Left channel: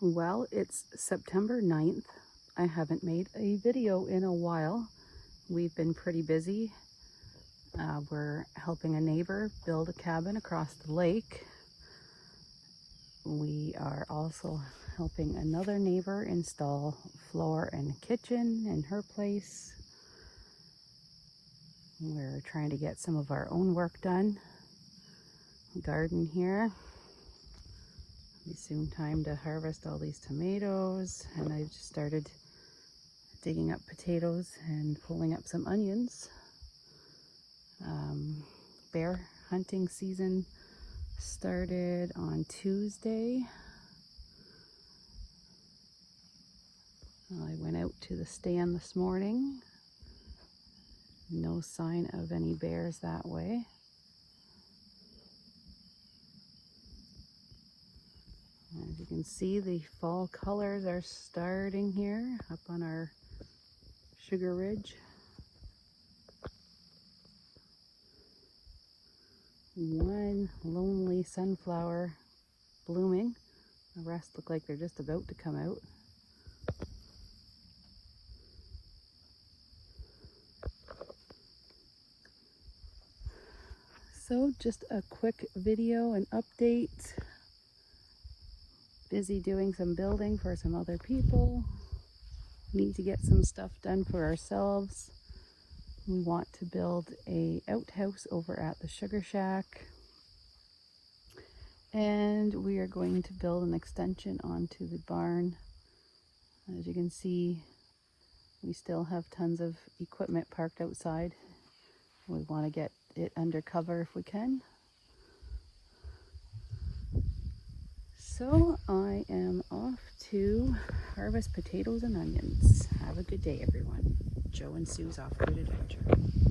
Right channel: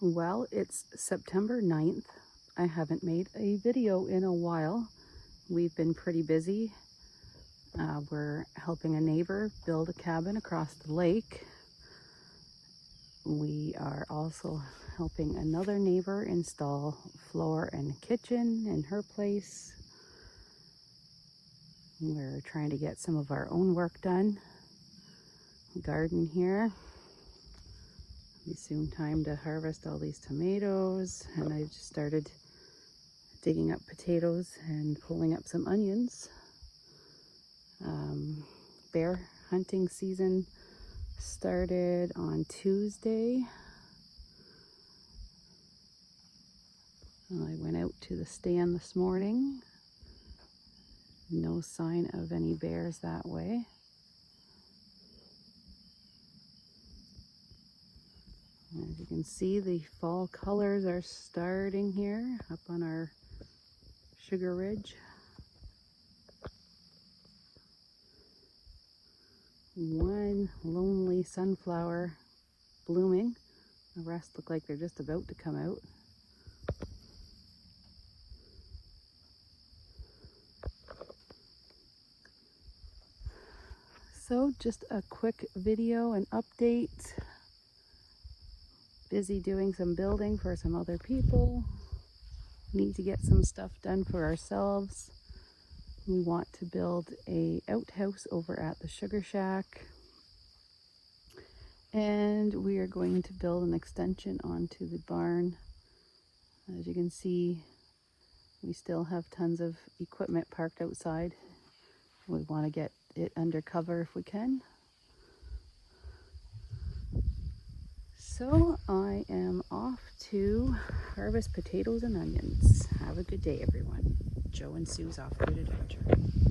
Well, it's September 9th. I haven't made a video in a while. We've been pretty busy. We're helping a neighbor build a cabin across the lake. We are also helping another neighbor install floor and kitchen in her place. We're trying to get some of our own work done. Garden here. It's soon time to harvest all these tomatoes, and I just started digging up potatoes and pulling up some onions. Bear hunting season started on Tuesday. I went out to the stand this morning. No sign of any bears that way. As you can see, the fall colors are starting here up on our sugar ridge. One lonely sunflower blooming. The rest look like they're just about to come out. So just a quick video and update. Busy doing some building for some other people. Need to get some stuff done for ourselves. We want to build a outhouse over at the Sugar Shack. And we are going to build an extension onto the barn. As you can see, we still have tons of equipment parked outside. We want to get it under cover if we can. So I am off to harvest potatoes and onions. Have a good day, everyone. Joe and Sue's Off-Grid Adventure.